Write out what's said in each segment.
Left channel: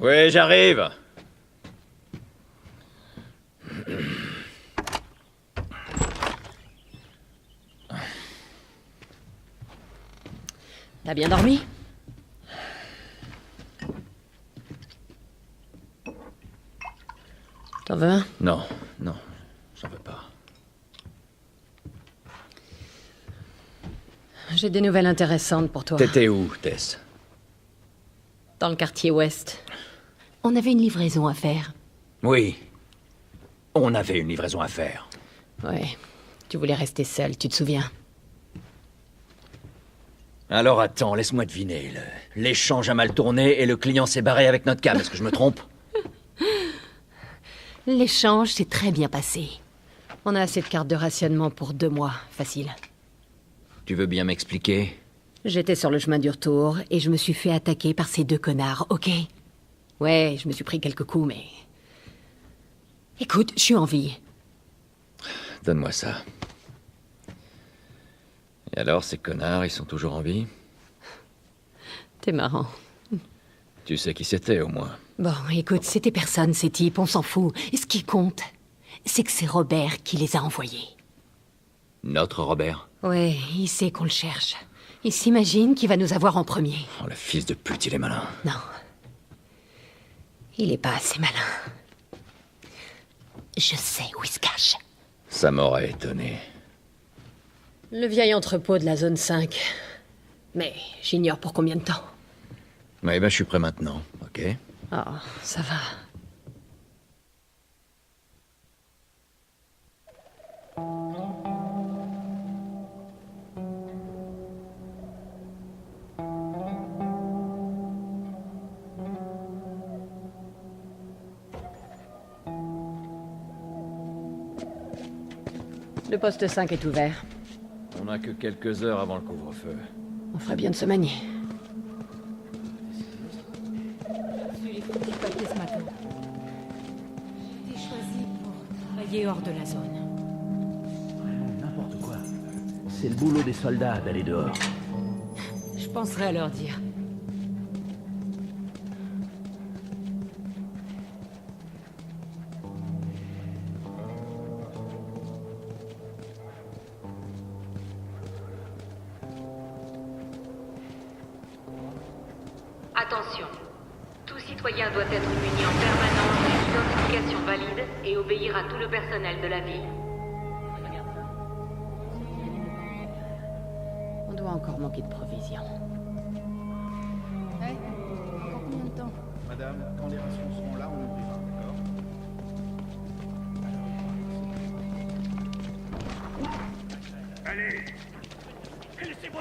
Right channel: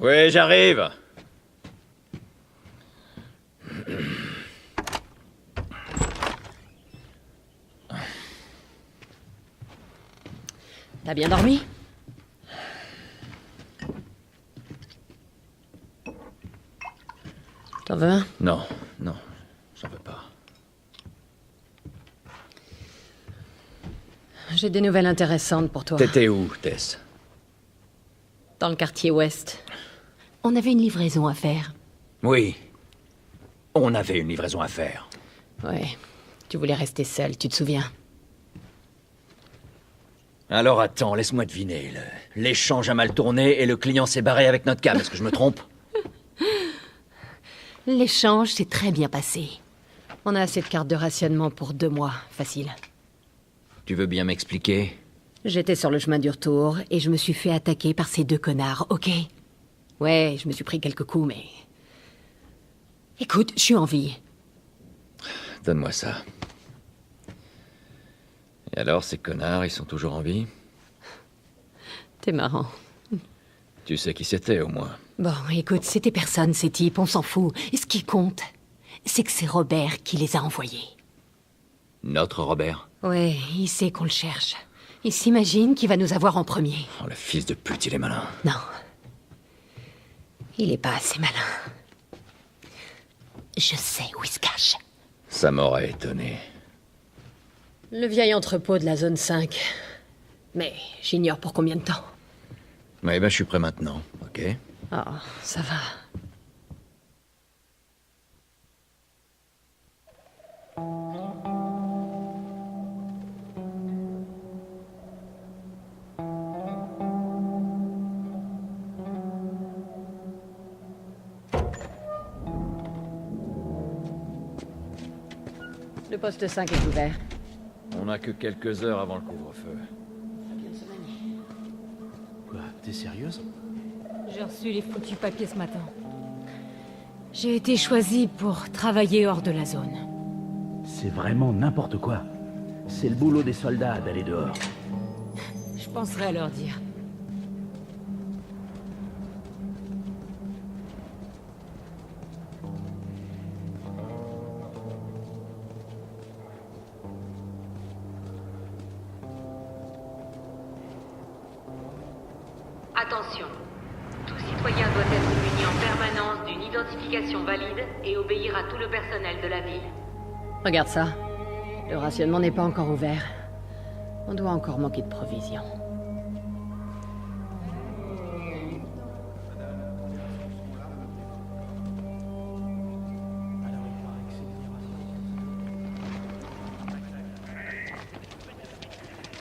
Oui, j'arrive. T'as bien dormi? T'en veux un? Non, j'en veux pas. J'ai des nouvelles intéressantes pour toi. T'étais où, Tess? Dans le quartier ouest. On avait une livraison à faire. Oui. On avait une livraison à faire. Ouais. Tu voulais rester seul, tu te souviens? Alors attends, laisse-moi deviner. L'échange a mal tourné et le client s'est barré avec notre cam. Est-ce que je me trompe? L'échange s'est très bien passé. On a assez de cartes de rationnement pour 2 mois, facile. Tu veux bien m'expliquer? J'étais sur le chemin du retour et je me suis fait attaquer par ces 2 connards, ok? Ouais, je me suis pris quelques coups, mais... Écoute, je suis en vie. Donne-moi ça. Et alors, ces connards, ils sont toujours en vie? T'es marrant. Tu sais qui c'était, au moins. Bon, écoute, c'était personne, ces types, on s'en fout. Et ce qui compte, c'est que c'est Robert qui les a envoyés. Notre Robert? Ouais, il sait qu'on le cherche. Il s'imagine qu'il va nous avoir en premier. Oh, le fils de pute, il est malin. Non. Il est pas assez malin. Je sais où il se cache. Ça m'aurait étonné. Le vieil entrepôt de la zone 5. Mais j'ignore pour combien de temps. Ouais, ben je suis prêt maintenant, ok? Oh, ça va. Le poste 5 est ouvert. On n'a que quelques heures avant le couvre-feu. On ferait bien de se manier. Quoi, t'es sérieuse? J'ai reçu les foutus papiers ce matin. J'ai été choisie pour travailler hors de la zone. C'est vraiment n'importe quoi. C'est... Attention, tout citoyen doit être muni en permanence d'une identification valide et obéir à tout le personnel de la ville. Regarde ça. Le rationnement n'est pas encore ouvert. On doit encore manquer de provisions.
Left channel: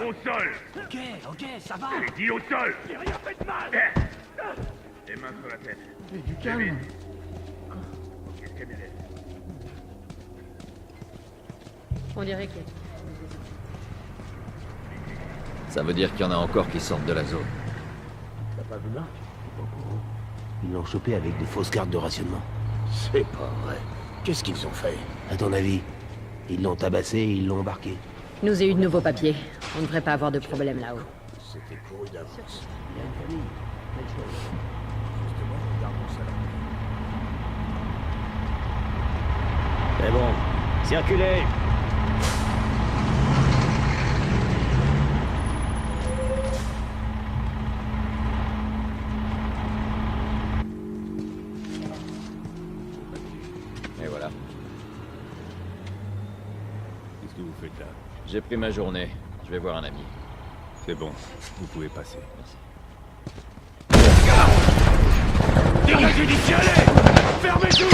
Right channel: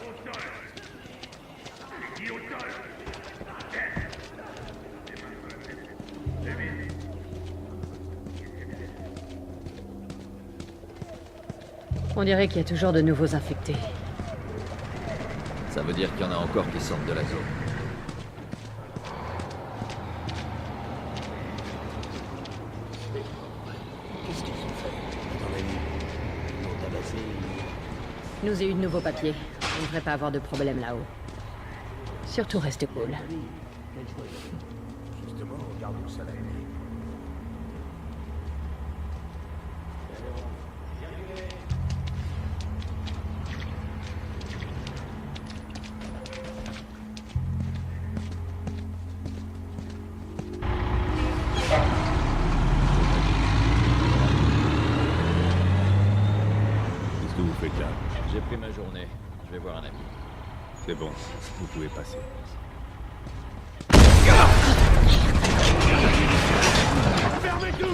Au sol! Ok, ça va. Dis au sol! On dirait qu'il y a toujours de nouveaux infectés. Ça veut dire qu'il y en a encore qui sortent de la zone. T'as pas vu Marc? Ils l'ont chopé avec des fausses cartes de rationnement. C'est pas vrai. Qu'est-ce qu'ils ont fait? À ton avis? Ils l'ont tabassé et ils l'ont embarqué. Je nous ai eu de nouveaux papiers. On ne devrait pas avoir de problème. Surtout reste cool. C'est bon. Circulez! Et voilà. Qu'est-ce que vous faites là? J'ai pris ma journée. Je vais voir un ami. C'est bon, vous pouvez passer. Fermez tout!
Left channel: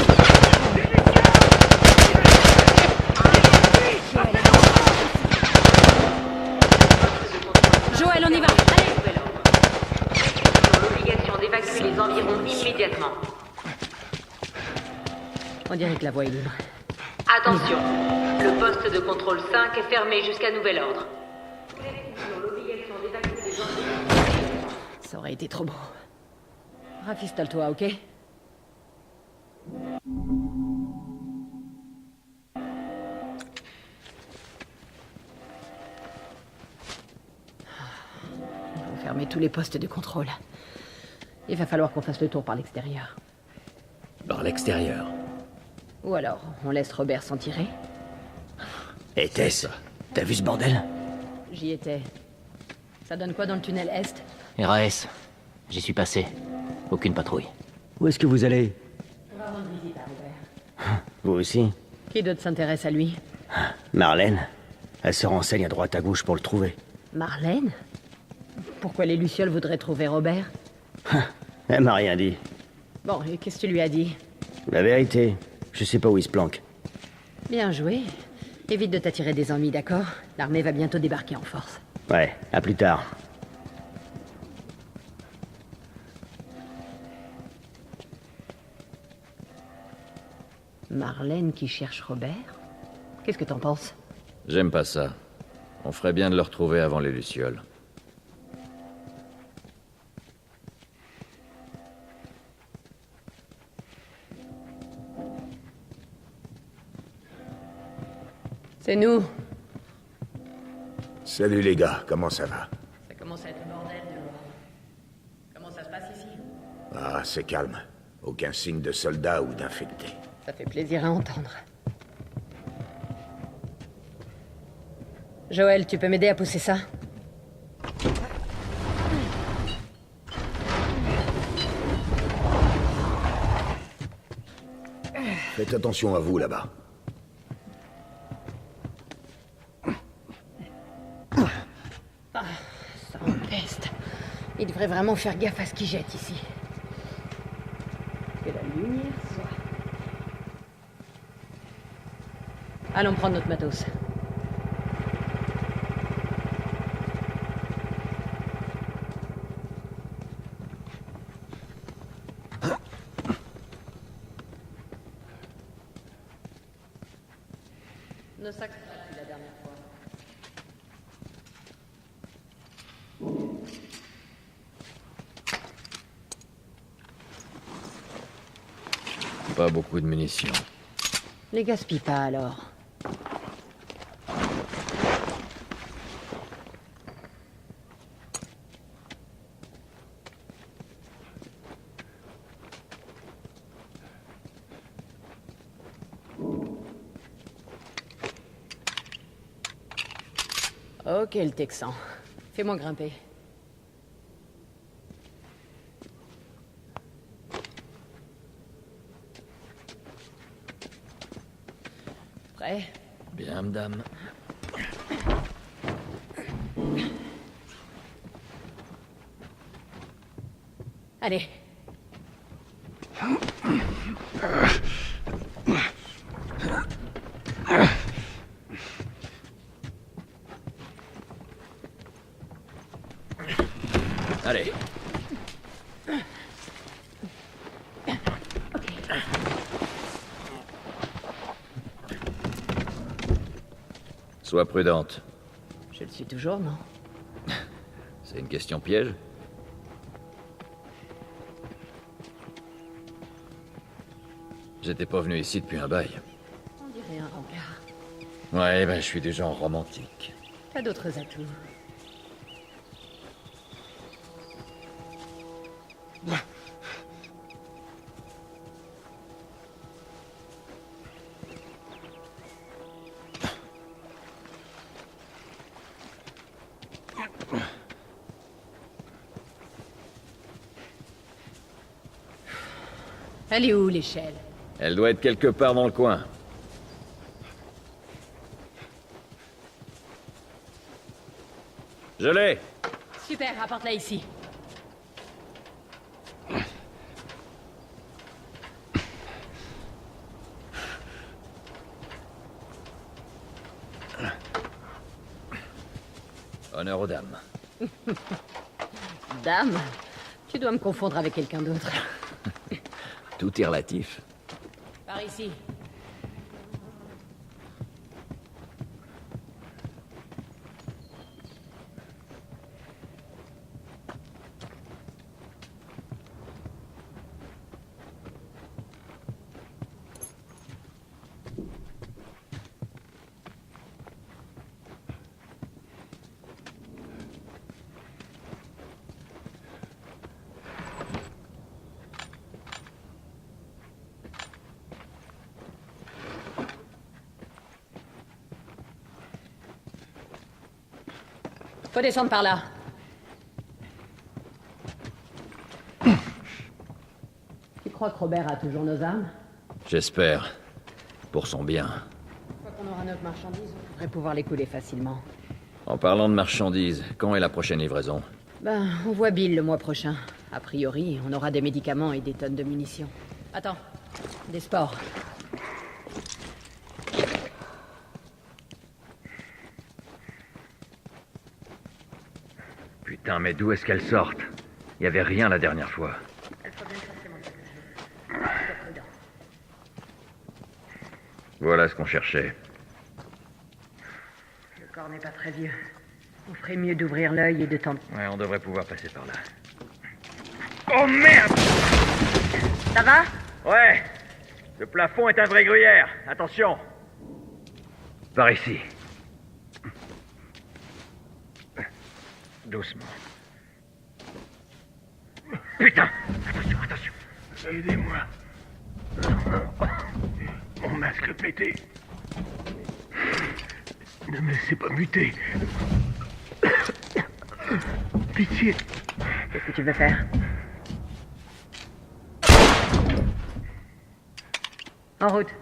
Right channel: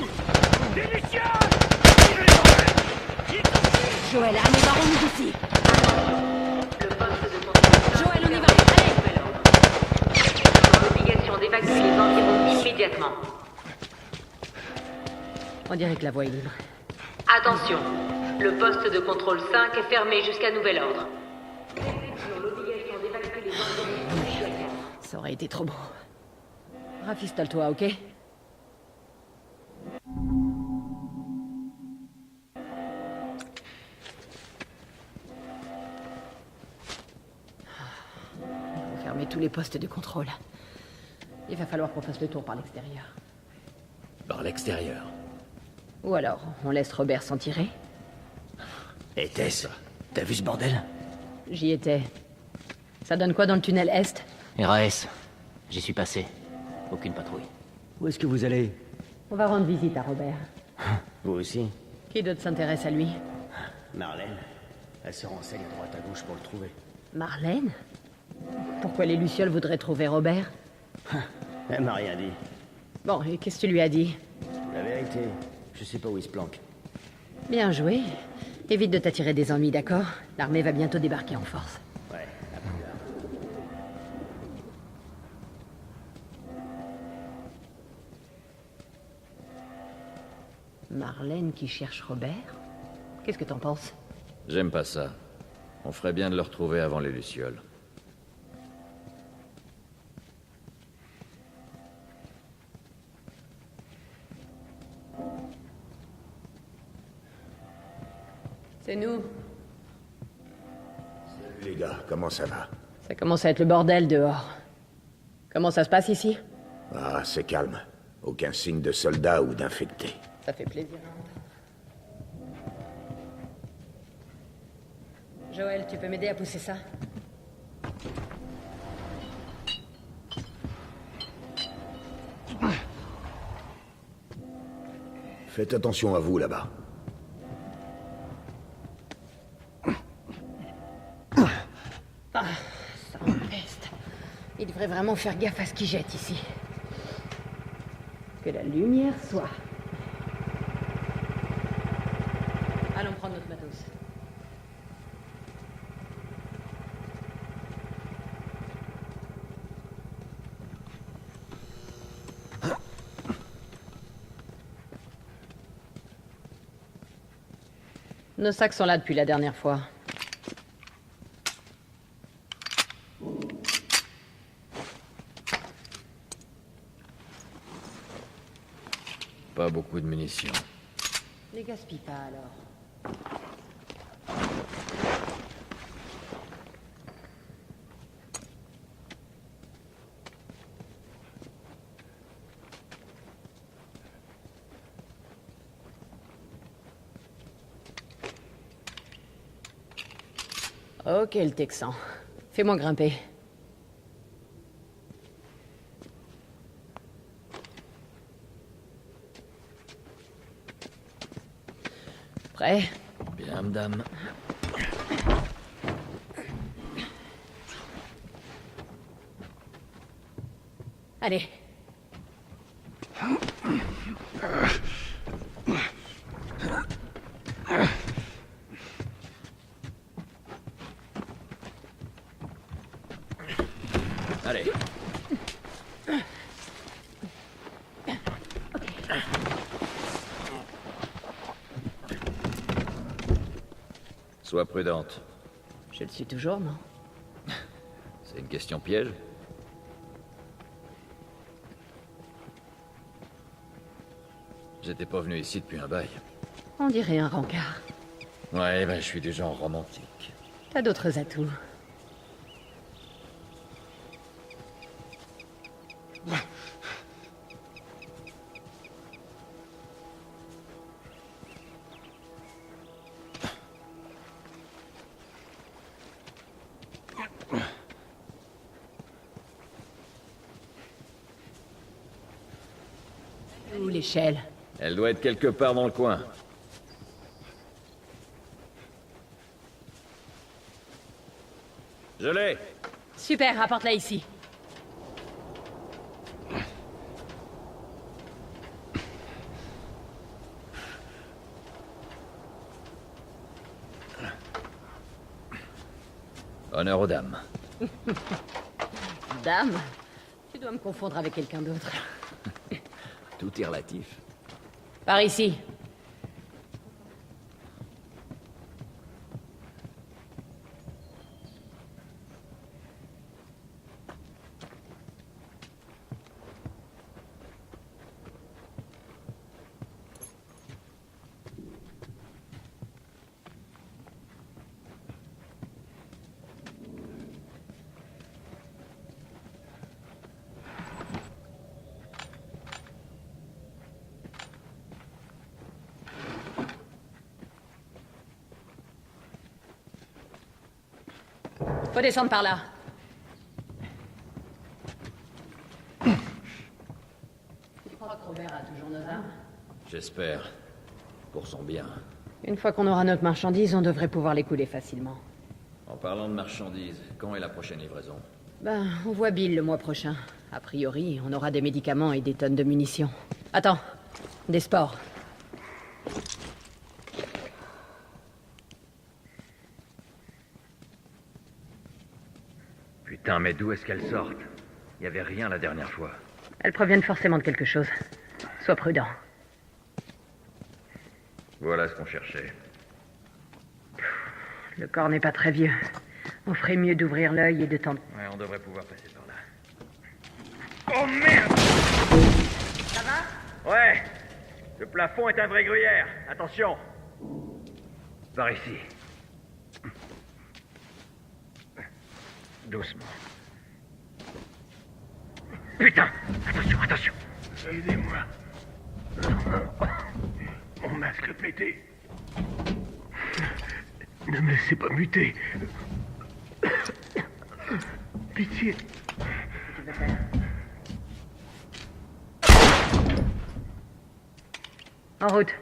Joël, allez, on va ici. Poste de contrôle 5 Joël, on y va, jusqu'à allez. nouvel ordre. Les civils ont l'obligation d'évacuer les environs immédiatement. On dirait que la voie est libre. Attention, le poste de contrôle 5 est fermé jusqu'à nouvel ordre. Tous les civils ont l'obligation d'évacuer les environs immédiatement. Ça aurait été trop beau. Rafistole-toi, ok? fermer tous les postes de contrôle. Il va falloir qu'on fasse le tour par l'extérieur. Par l'extérieur. Ou alors, on laisse Robert s'en tirer. Et Tess, t'as vu ce bordel? J'y étais. Ça donne quoi dans le tunnel Est? RAS. J'y suis passé. Aucune patrouille. Où est-ce que vous allez? On va rendre visite à Robert. Vous aussi? Qui d'autre s'intéresse à lui? Marlène. Elle se renseigne à droite à gauche pour le trouver. Marlène? Pourquoi les Lucioles voudraient trouver Robert? Elle m'a rien dit. Bon, et qu'est-ce que tu lui as dit? La vérité, je sais pas où il se planque. Bien joué. Évite de t'attirer des ennuis, d'accord? L'armée va bientôt débarquer en force. Ouais, à plus tard. Marlène qui cherche Robert? Qu'est-ce que t'en penses? J'aime pas ça. On ferait bien de le retrouver avant les Lucioles. C'est nous. Salut les gars, comment ça va? Ça commence à être le bordel dehors. Comment ça se passe ici? Ah, c'est calme. Aucun signe de soldats ou d'infectés. Ça fait plaisir à entendre. Joël, tu peux m'aider à pousser ça? Ah, ça empeste. Il devrait vraiment faire gaffe à ce qu'il jette ici. Que la lumière soit. Allons prendre notre matos. Nos sacs sont là depuis la dernière fois. Pas beaucoup de munitions. Les gaspille pas alors. Ok, le Texan. Fais-moi grimper. Prêt? Bien, madame. Allez. Allez. Sois prudente. Je le suis toujours, non? C'est une question piège? J'étais pas venu ici depuis un bail. On dirait un rencard. Ouais, ben je suis du genre romantique. T'as d'autres atouts. Elle est où, l'échelle? Elle doit être quelque part dans le coin. Je l'ai! Super, apporte-la ici. Honneur aux dames. Dame? Tu dois me confondre avec quelqu'un d'autre. Tout est relatif. Par ici. Faut descendre par là. Tu crois que Robert a toujours nos armes? J'espère. Pour son bien. Une fois qu'on aura notre marchandise, on devrait pouvoir les couler facilement. En parlant de marchandises, quand est la prochaine livraison? Ben, on voit Bill le mois prochain. A priori, on aura des médicaments et des tonnes de munitions. Attends, des sports. Putain, mais d'où est-ce qu'elles sortent? Y avait rien la dernière fois. Elles proviennent forcément de quelque chose. Sois prudent. Voilà ce qu'on cherchait. Le corps n'est pas très vieux. On ferait mieux d'ouvrir. Ouais, on devrait pouvoir passer par là. Oh merde! Ça va? Ouais! Le plafond est un vrai gruyère. Attention! Par ici. Doucement. Putain! Attention, attention! Aidez-moi. Mon masque pété. Ne me laissez pas muter. Pitié. Qu'est-ce que tu veux faire? En route.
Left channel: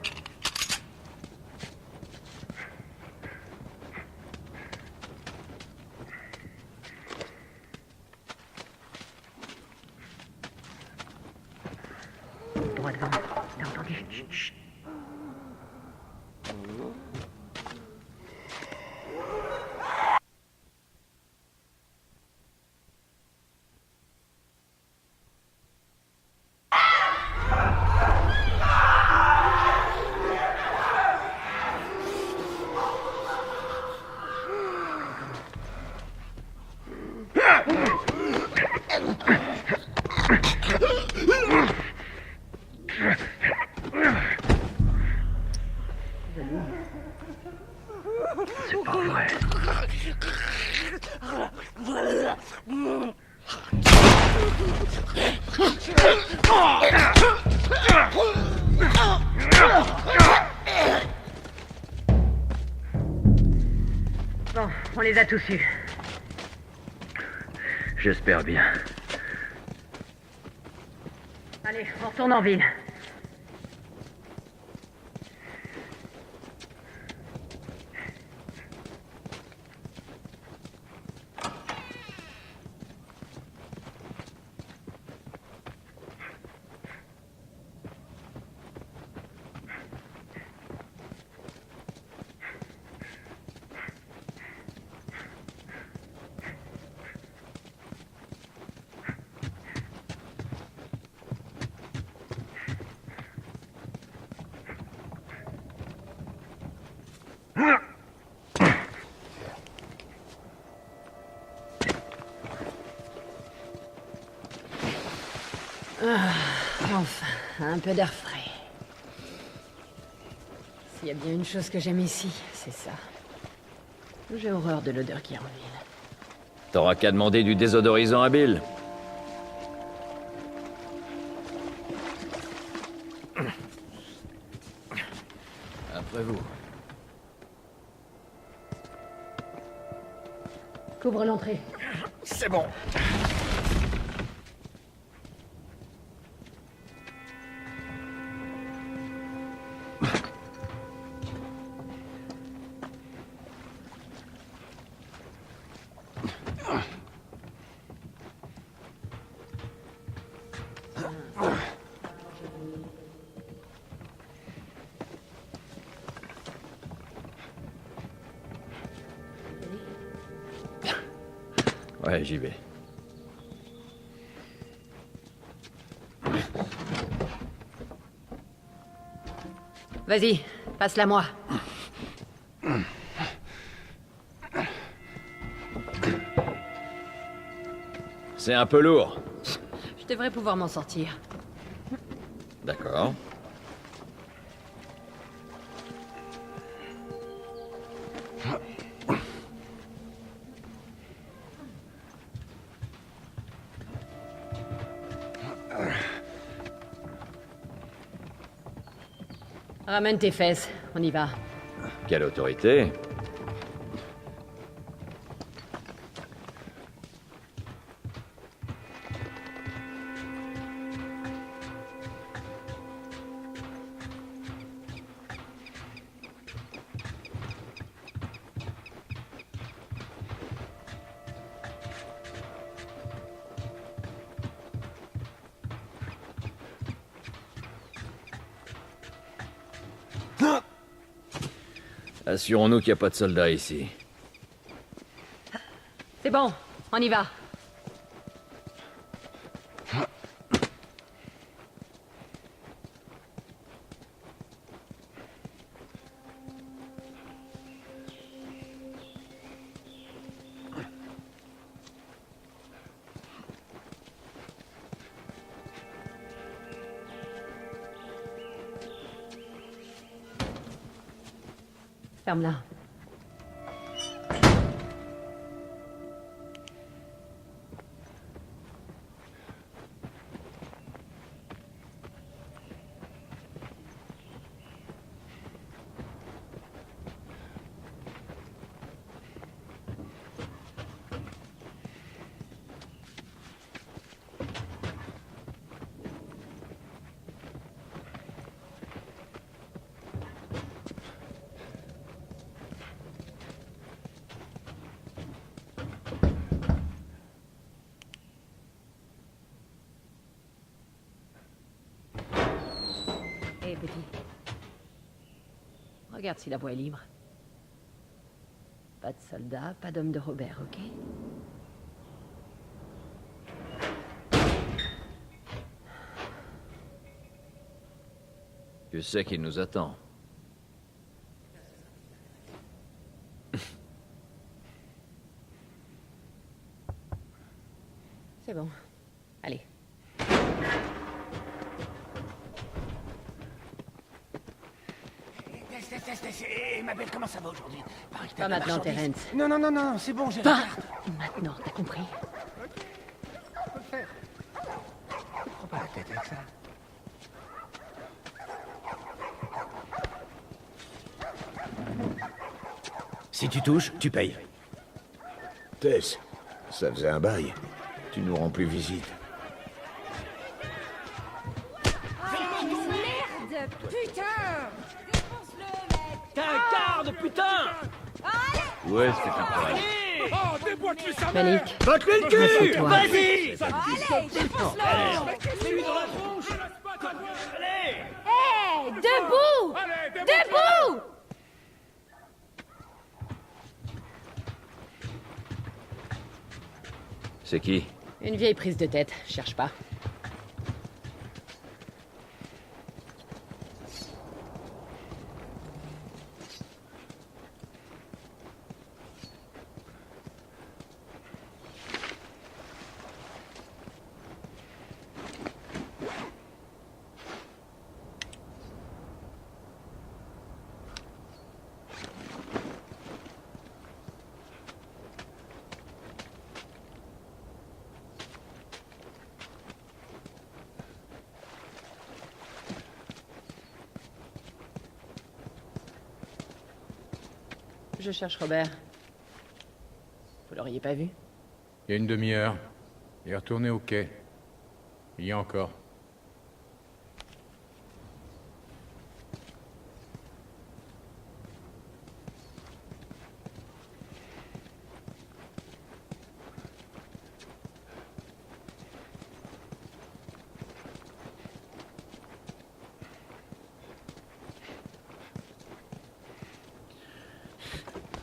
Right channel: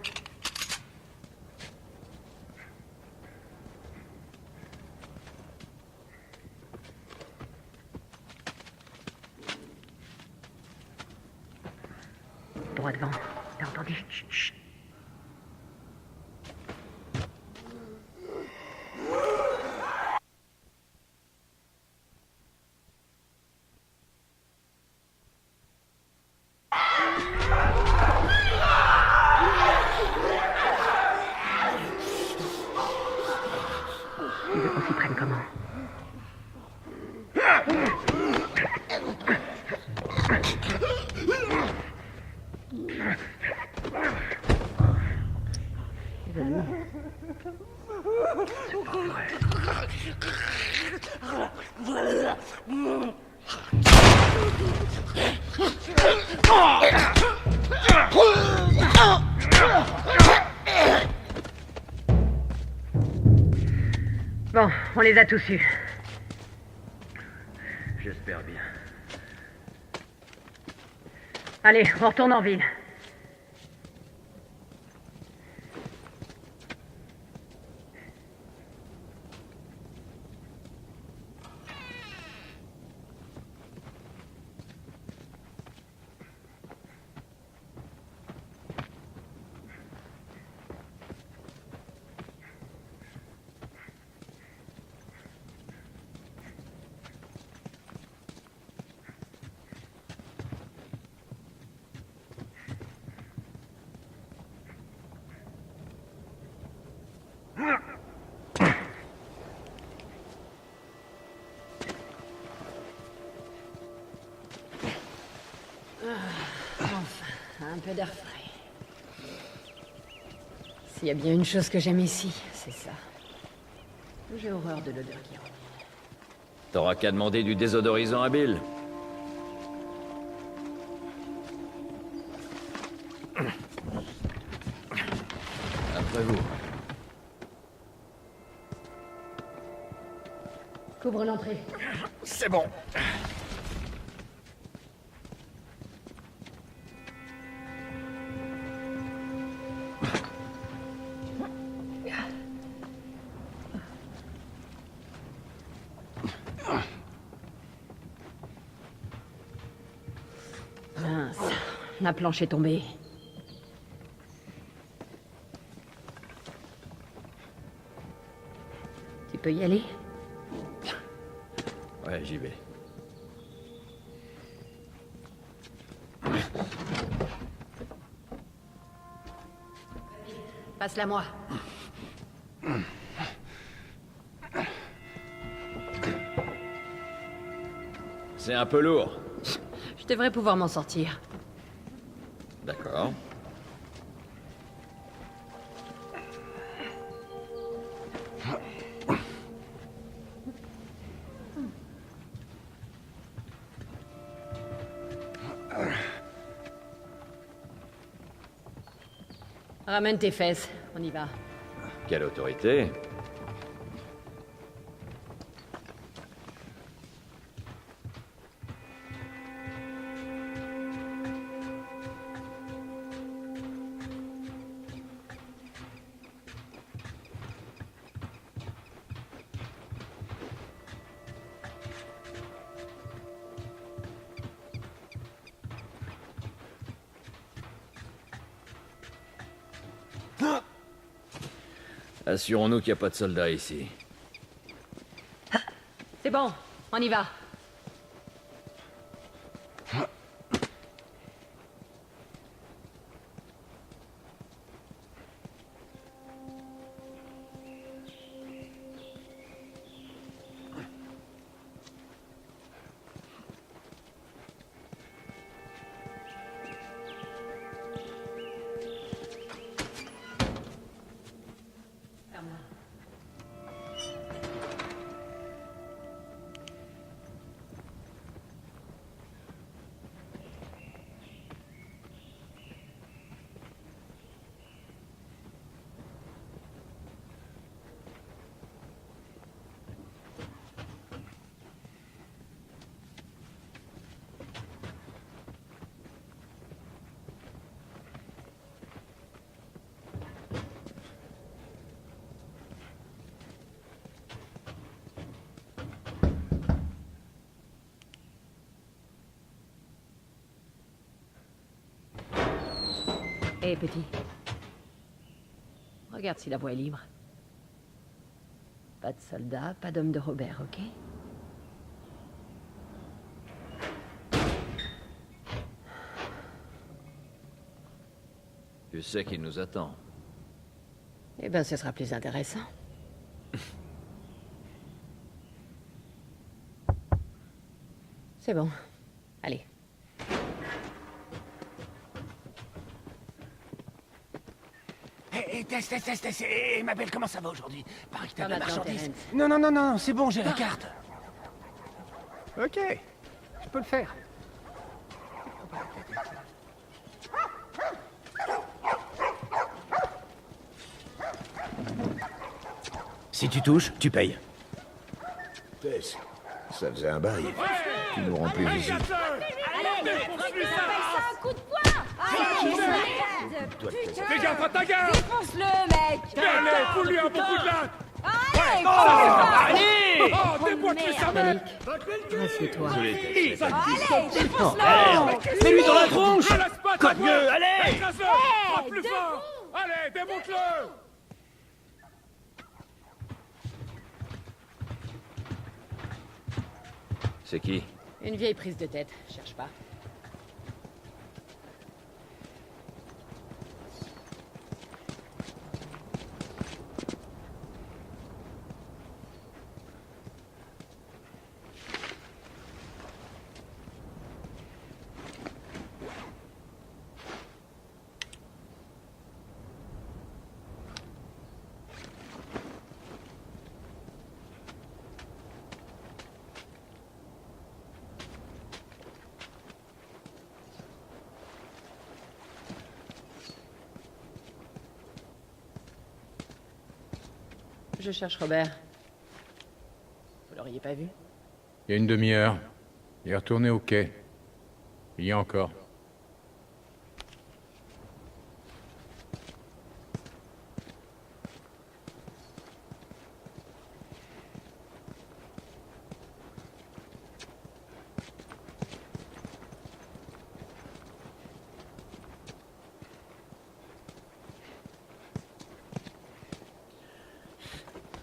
Ils prennent comment? C'est pas vrai. Bon, on les a tous eus. J'espère bien. Allez, on retourne en ville. Enfin, un peu d'air frais. S'il y a bien une chose que j'aime ici, c'est ça. J'ai horreur de l'odeur qui revient. T'auras qu'à demander du désodorisant à Bill. Après vous. Couvre l'entrée. C'est bon. La planche est tombée. Tu peux y aller? Ouais, j'y vais. Vas-y, passe-la moi. C'est un peu lourd. Je devrais pouvoir m'en sortir. D'accord. Ramène tes fesses, on y va. Quelle autorité? Assurons-nous qu'il n'y a pas de soldats ici. C'est bon, on y va. Ferme-la. Hé, petit. Regarde si la voie est libre. Pas de soldats, pas d'homme de Robert, ok? Tu sais qu'il nous attend. Eh ben, ce sera plus intéressant. C'est bon. Allez. Tess, et ma belle, comment ça va aujourd'hui? Pareil que t'as Pas de la maintenant, marchandise. Terence. Non, c'est bon, j'ai la Pas carte. maintenant, t'as compris? Ok, je peux le faire. Si tu touches, tu payes. Tess, ça faisait un bail. Merde! Putain! Défonce-le, mec! Yannick, rassieds-toi. Je l'ai pas dit. Fais-lui dans la tronche! Cogne-le, allez! Hé! Debout! Debout! C'est qui? Une vieille prise de tête, cherche pas. Je cherche Robert. Vous l'auriez pas vu? Il y a une demi-heure. Il est retourné au quai. Il y a encore.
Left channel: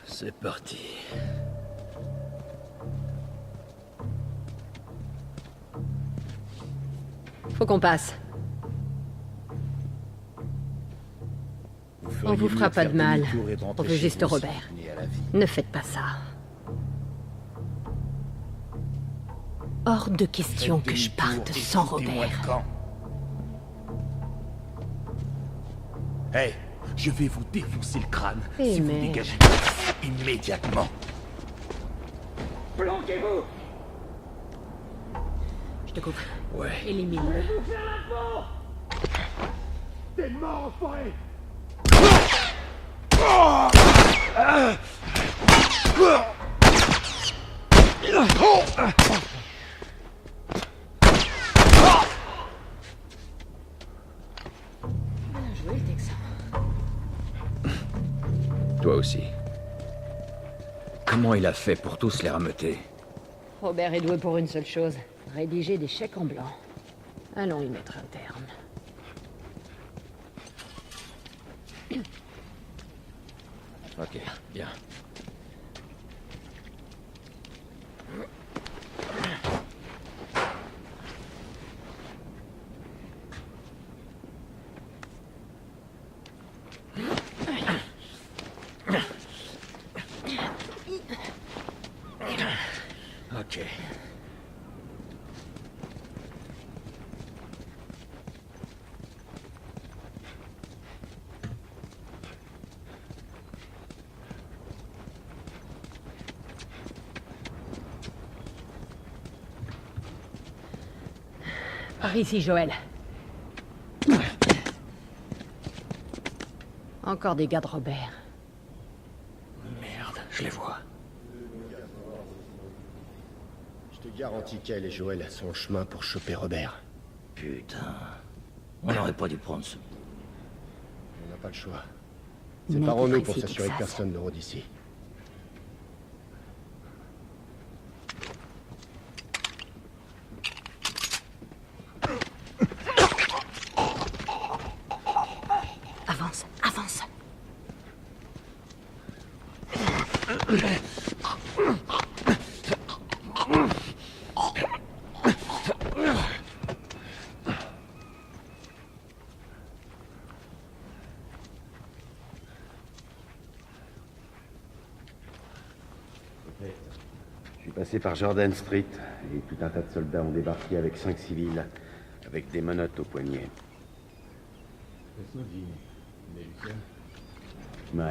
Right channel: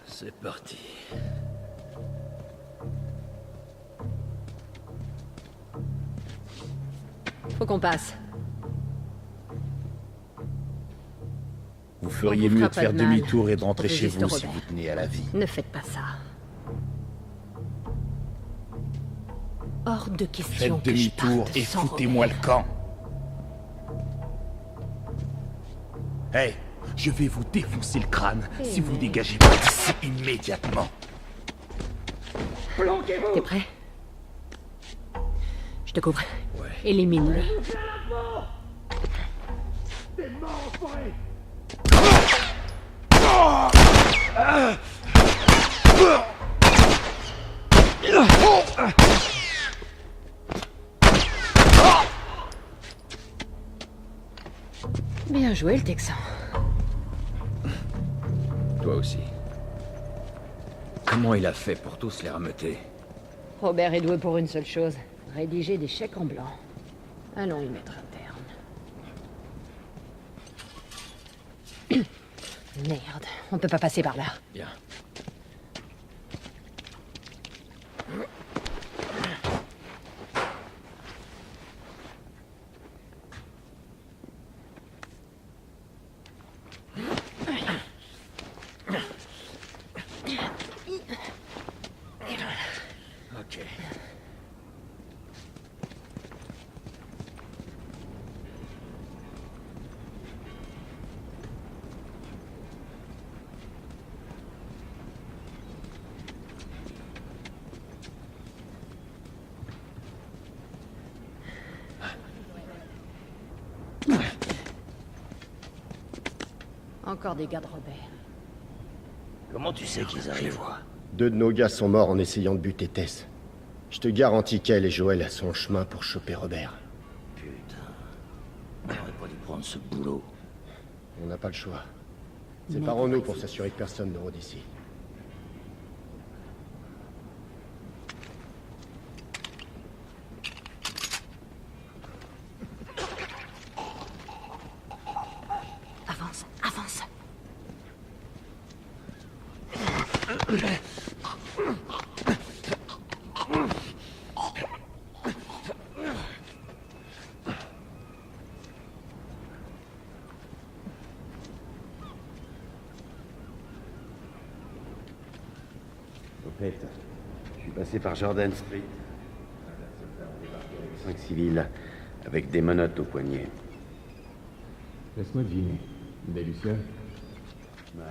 C'est parti. Faut qu'on passe. On vous fera pas de mal. On veut juste Robert. Ne faites pas ça. Hors de question que je parte sans Robert. Hey, je vais vous défoncer le crâne Eh si vous merde. dégagez pas d'ici immédiatement. T'es prêt? Je te couvre. Ouais. Élimine-le. T'es mort, enfoiré! Bien joué, le Texan. Toi aussi. Comment il a fait pour tous les rameuter? Robert est doué pour une seule chose. Rédiger des chèques en blanc. Allons y mettre un terme. Merde. On peut pas passer par Ok, là. bien. Ok. Par ici, Joël. Encore des gars de Robert. Comment tu sais qu'ils Je les vois. 2 de nos gars sont morts en essayant de buter Tess. Je te garantis qu'elle et Joël sont en chemin pour choper Robert. Putain. On n'aurait pas dû prendre ce boulot. On n'a pas le choix. Mais Séparons-nous t'es pour précis, s'assurer que Texas. personne ne rôde ici. Avance, avance. Je suis passé par Jordan Street et tout un tas de soldats ont débarqué avec 5 civils, avec des menottes au poignet. Laisse-moi deviner. Des Lucien? Ouais.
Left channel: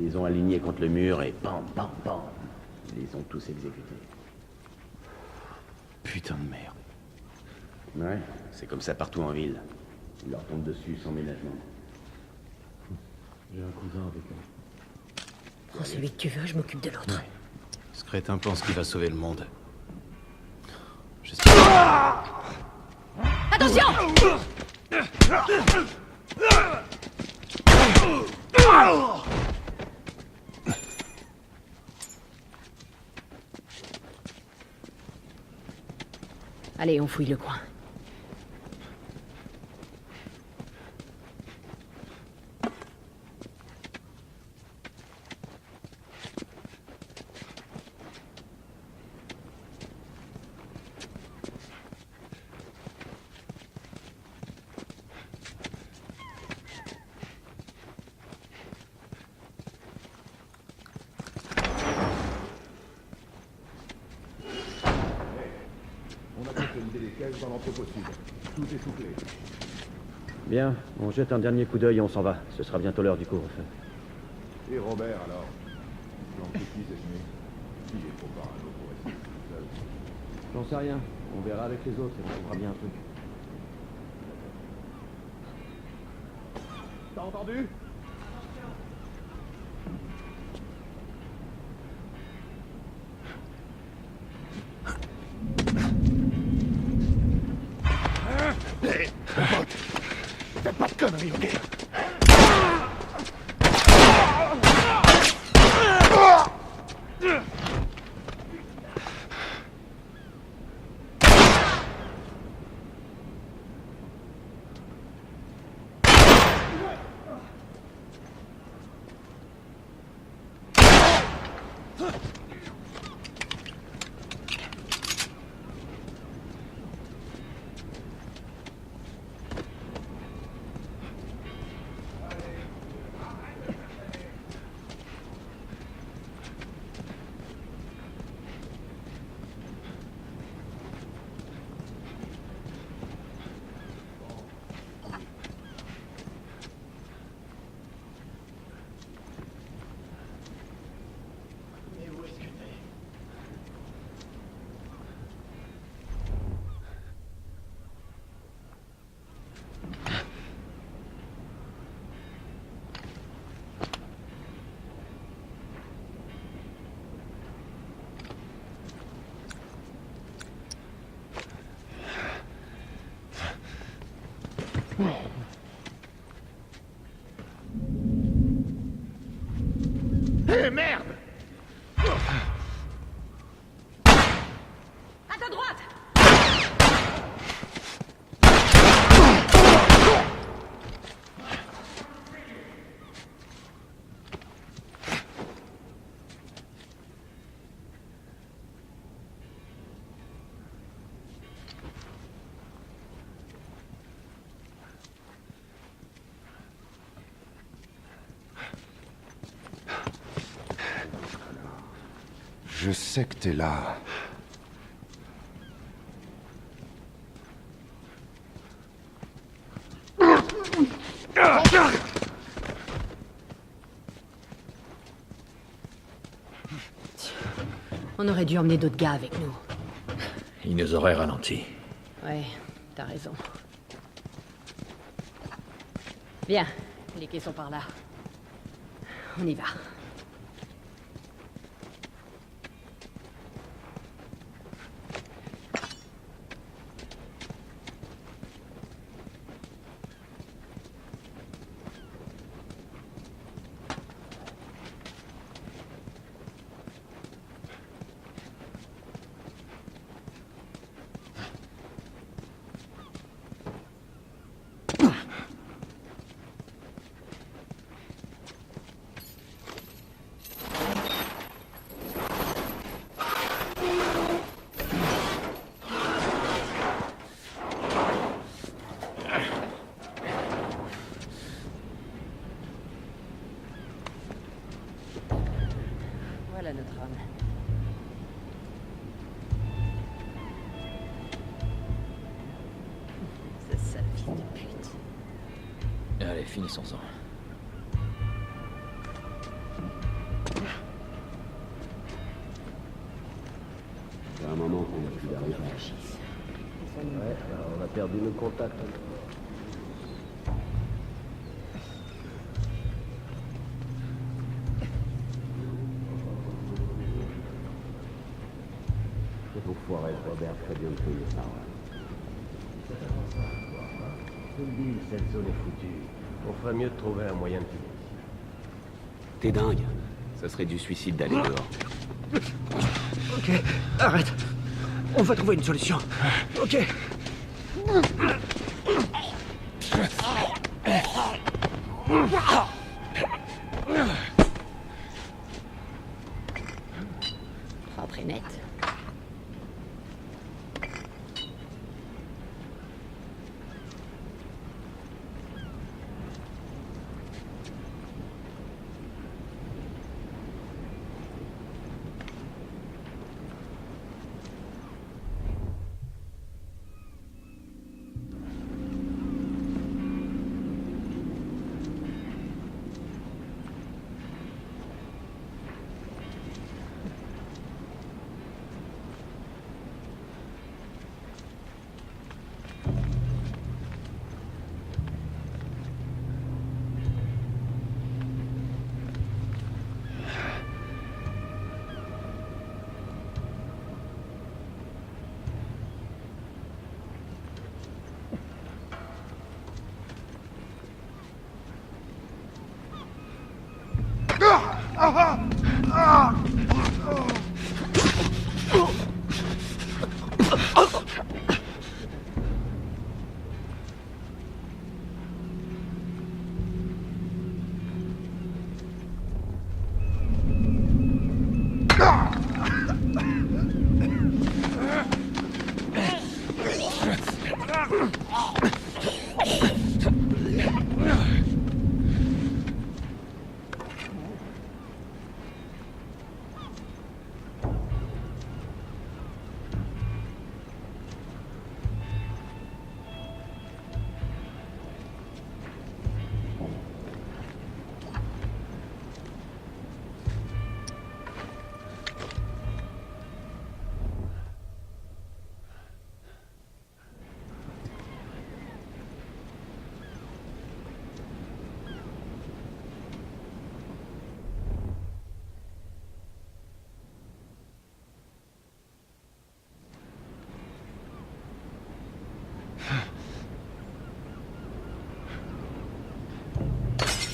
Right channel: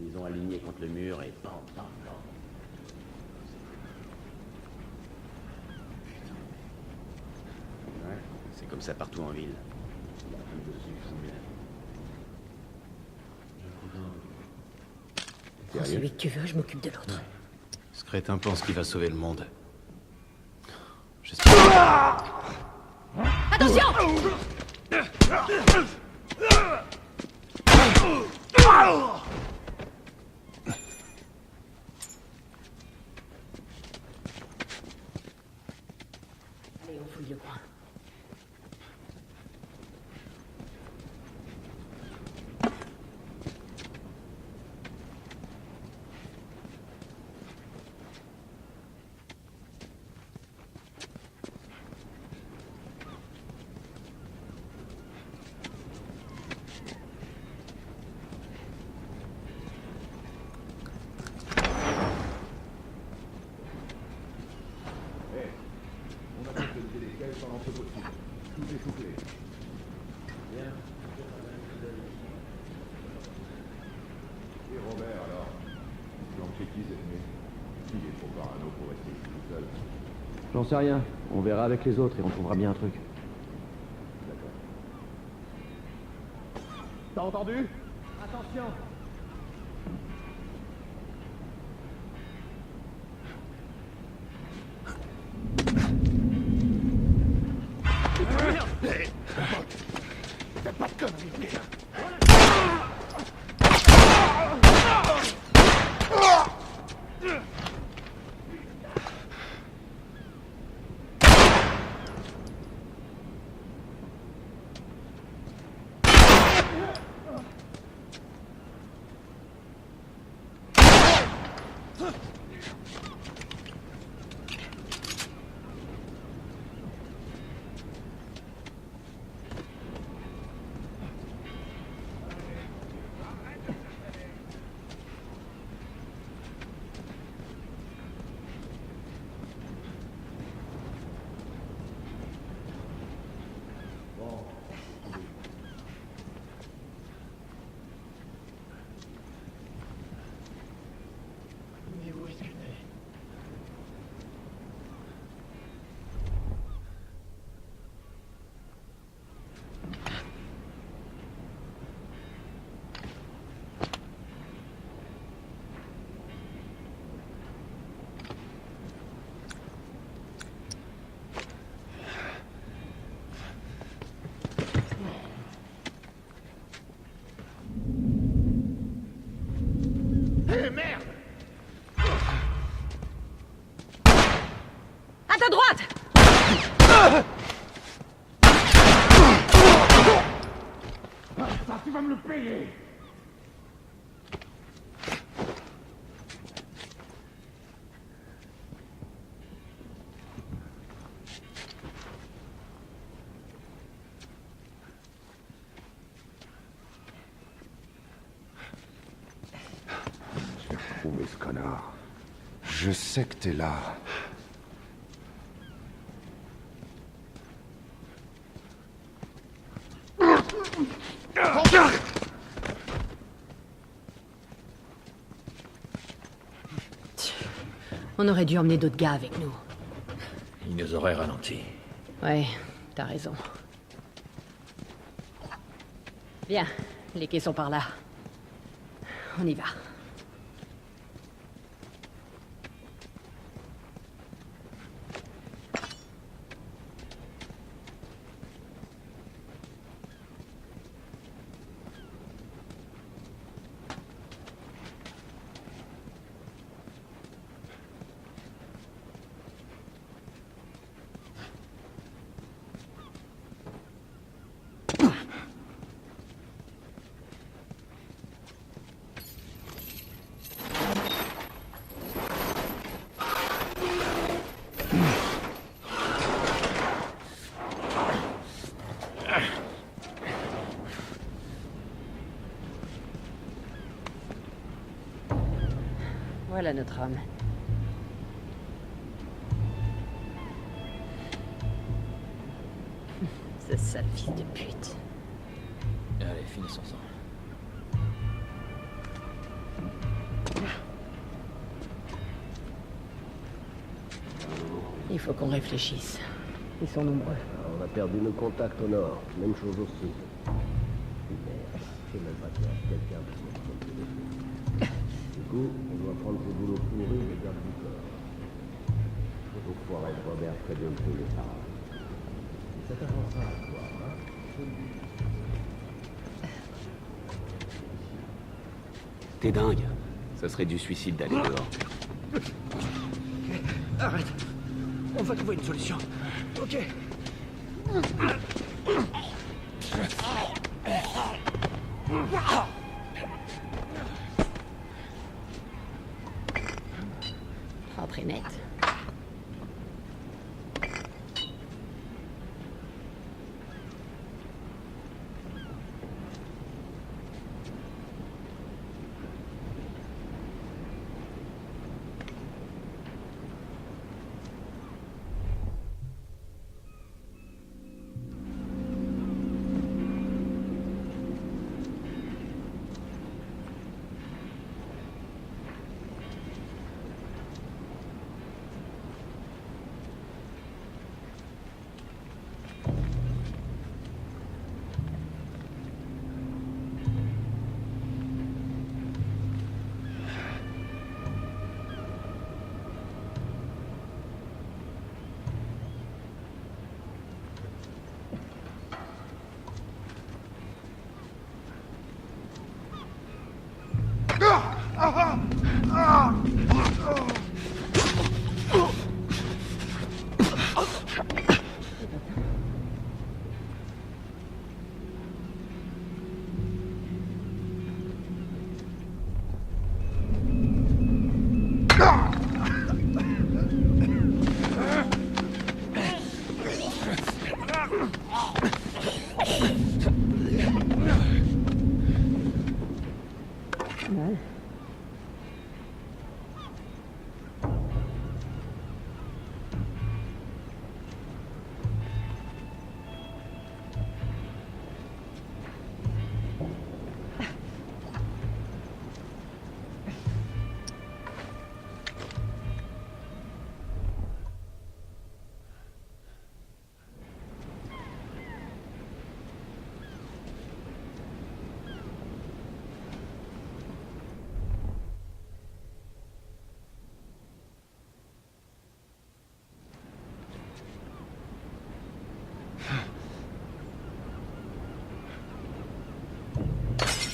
Ils les ont alignés contre le mur et pam, pam, pam. Ils ont tous exécutés. Putain de merde. Ouais, c'est comme ça partout en ville. Ils leur tombent dessus sans ménagement. J'ai un cousin avec eux. Prends celui que tu veux, je m'occupe de l'autre. Ce crétin pense qu'il va sauver le monde. J'espère. Attention! Allez, on fouille le coin. On a consolidé les caisses dans l'entrepôt sud. Tout est soufflé. Bien, on jette un dernier coup d'œil et on s'en va. Ce sera bientôt l'heure du couvre-feu. Et Robert, alors? Planqué qui cette nuit? Il est trop parano pour rester tout seul. J'en sais rien. On verra avec les autres et on trouvera bien un truc. T'as entendu? Fais pas de conneries, ok? Hé, merde! À ta droite! Tu vas me le payer! Je sais que t'es là. On aurait dû emmener d'autres gars avec nous. Il nous aurait ralenti. Ouais, t'as raison. Bien, les quais sont par là. On y va. Voilà notre homme. Ce sale fils de pute. Allez, finissons-en. Il faut qu'on réfléchisse. Ils sont Ouais, on a perdu nos contacts au nord. Même chose au sud. Du coup, on doit prendre ce boulot pourri de garde du corps. Enfoiré de Robert ferait bien de payer ça. Ça t'avancera à toi, hein? Je te le dis, cette zone est foutue. On ferait mieux de trouver un moyen de quitter ici. T'es dingue. Ça serait du suicide d'aller dehors. Ok, arrête. On va trouver une solution. Ok.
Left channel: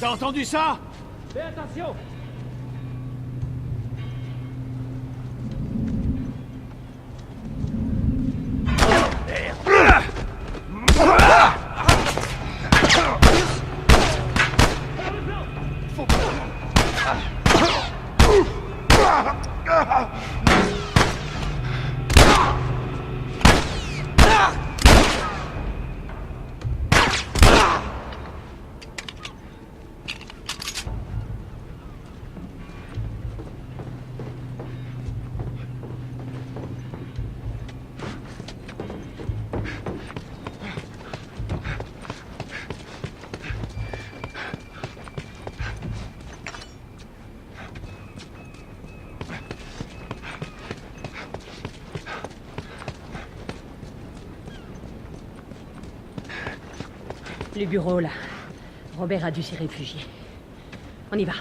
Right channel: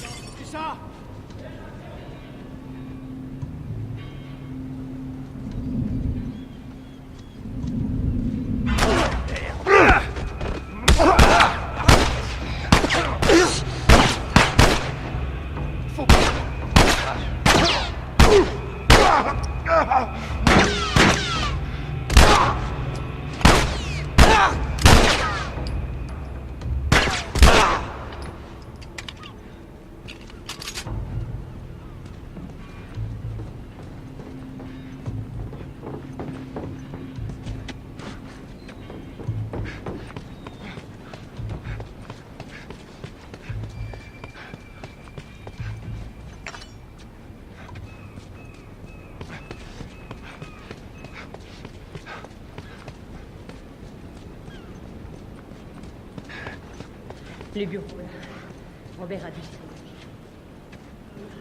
T'as entendu ça? Fais attention! Les bureaux, là. Robert a dû s'y réfugier. On y va.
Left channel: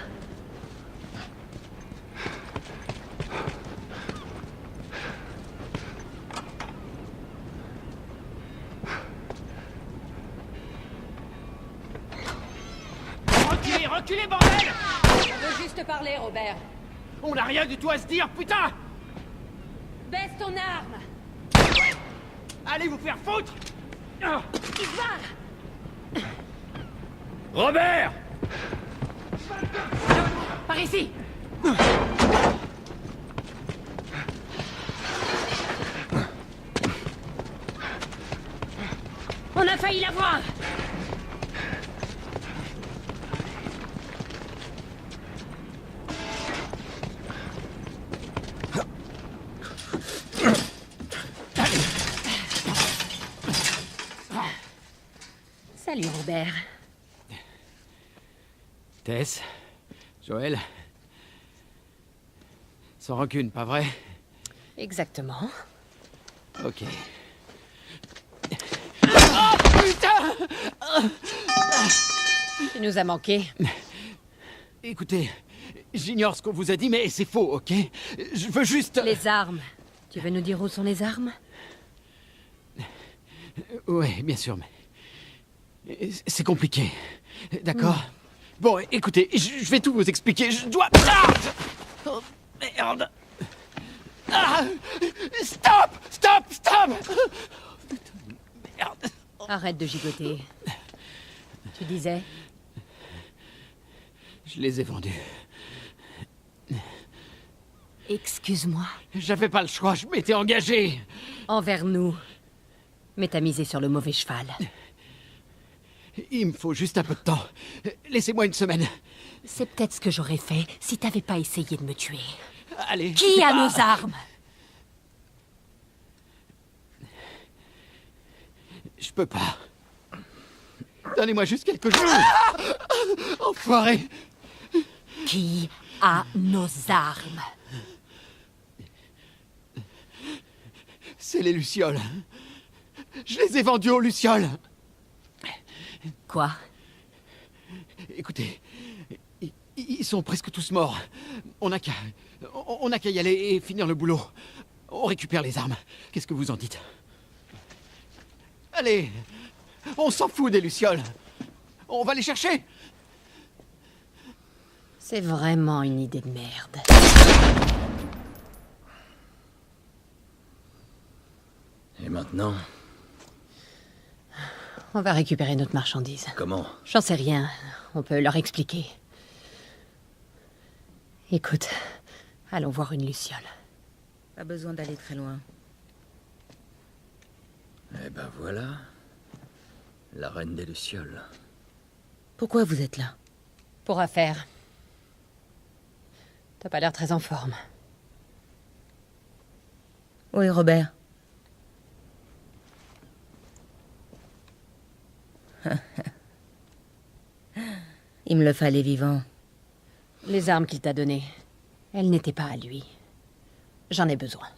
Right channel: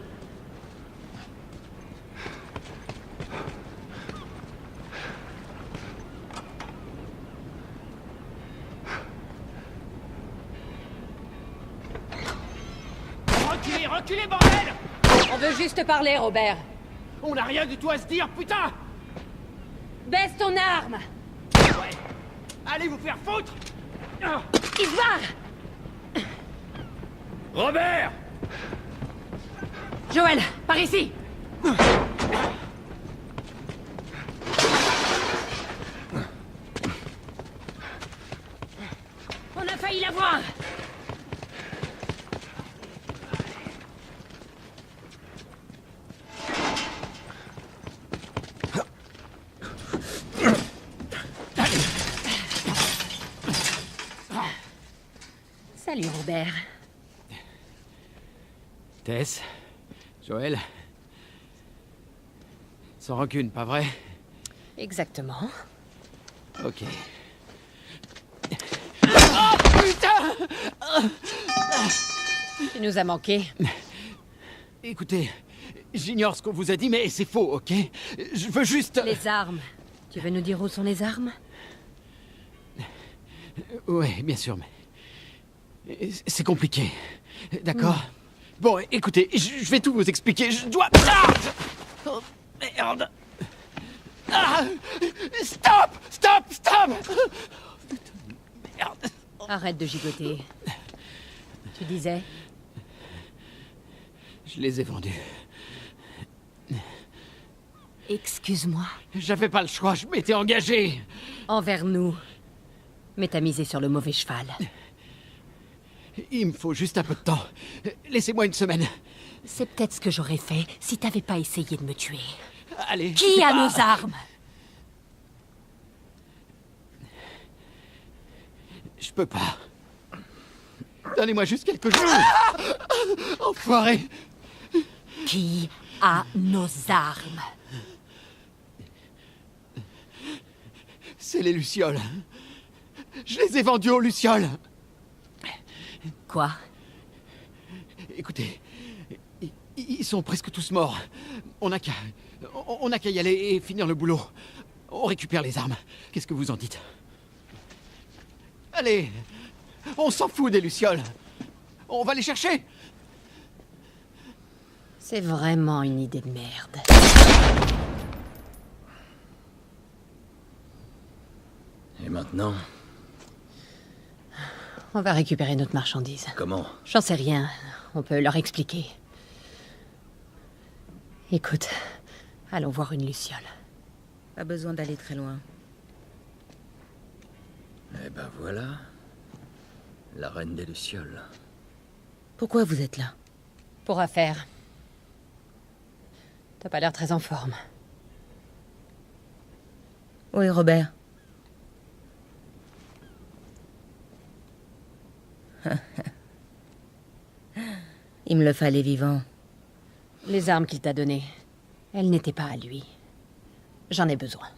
Reculez, reculez, bordel! On veut juste parler, Robert. On n'a rien du tout à se dire, putain! Baisse ton arme! Allez vous faire foutre! Il se barre! Robert! Joël, par ici! On a failli... Salut, Robert. Tess, Joël. Sans rancune, pas vrai? Exactement. Ok. Tu nous as manqué. Écoutez, j'ignore ce qu'on vous a dit, mais c'est faux, ok? Je veux juste... Les armes. Tu veux nous dire où sont les armes? Ouais, bien sûr, mais... C'est compliqué. D'accord? Bon, écoutez, je vais tout vous expliquer. Je dois... Ah! Oh, merde! Ah! Stop! Stop! Stop! Merde! Arrête de gigoter. Tu disais? Je les ai vendus. Excuse-moi. J'avais pas le choix, je m'étais engagé. Envers nous. Mais t'as misé sur le mauvais cheval. Il me faut juste un peu de temps. Laissez-moi une semaine. C'est peut-être ce que j'aurais fait si t'avais pas essayé de me tuer. Allez. Qui a nos armes? Je peux pas. Donnez-moi juste quelques jours. Enfoiré. Qui a nos armes? C'est les Lucioles. Je les ai vendues aux Lucioles. Quoi? Écoutez, ils sont presque tous morts. On n'a qu'à y aller et finir le boulot. On récupère les armes. Qu'est-ce que vous en dites? Allez, on s'en fout des Lucioles. On va les chercher. C'est vraiment une idée de merde. Et maintenant? On va récupérer notre marchandise. Comment? J'en sais rien. On peut leur expliquer. Écoute, allons voir une Luciole. Pas besoin d'aller très loin. Eh ben voilà. La reine des Lucioles. Pourquoi vous êtes là? Pour affaire. T'as pas l'air très en forme. Où est Robert? Il me le fallait vivant. Les armes qu'il t'a données, elles n'étaient pas à lui. J'en ai besoin.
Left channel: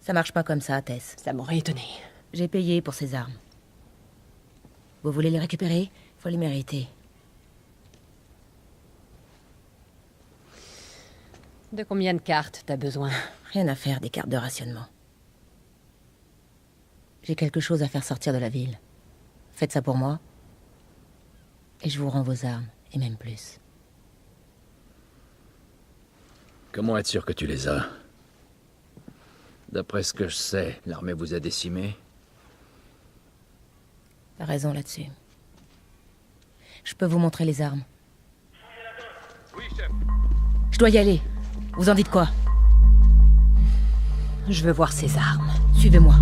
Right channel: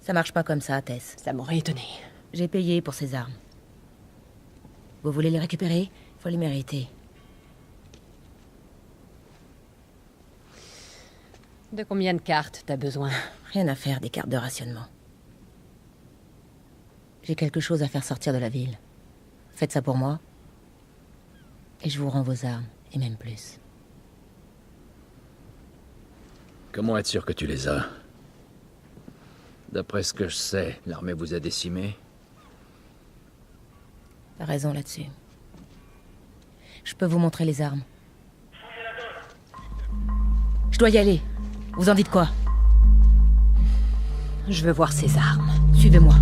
Ça marche pas comme ça, Tess. Ça m'aurait étonné. J'ai payé pour ces armes. Vous voulez les récupérer? Faut les mériter. De combien de cartes t'as besoin? Rien à faire des cartes de rationnement. J'ai quelque chose à faire sortir de la ville. Faites ça pour moi. Et je vous rends vos armes, et même plus. Comment être sûr que tu les as? D'après ce que je sais, l'armée vous a décimés. T'as raison là-dessus. Je peux vous montrer les armes. Je dois y aller. Vous en dites quoi? Je veux voir ces armes. Suivez-moi.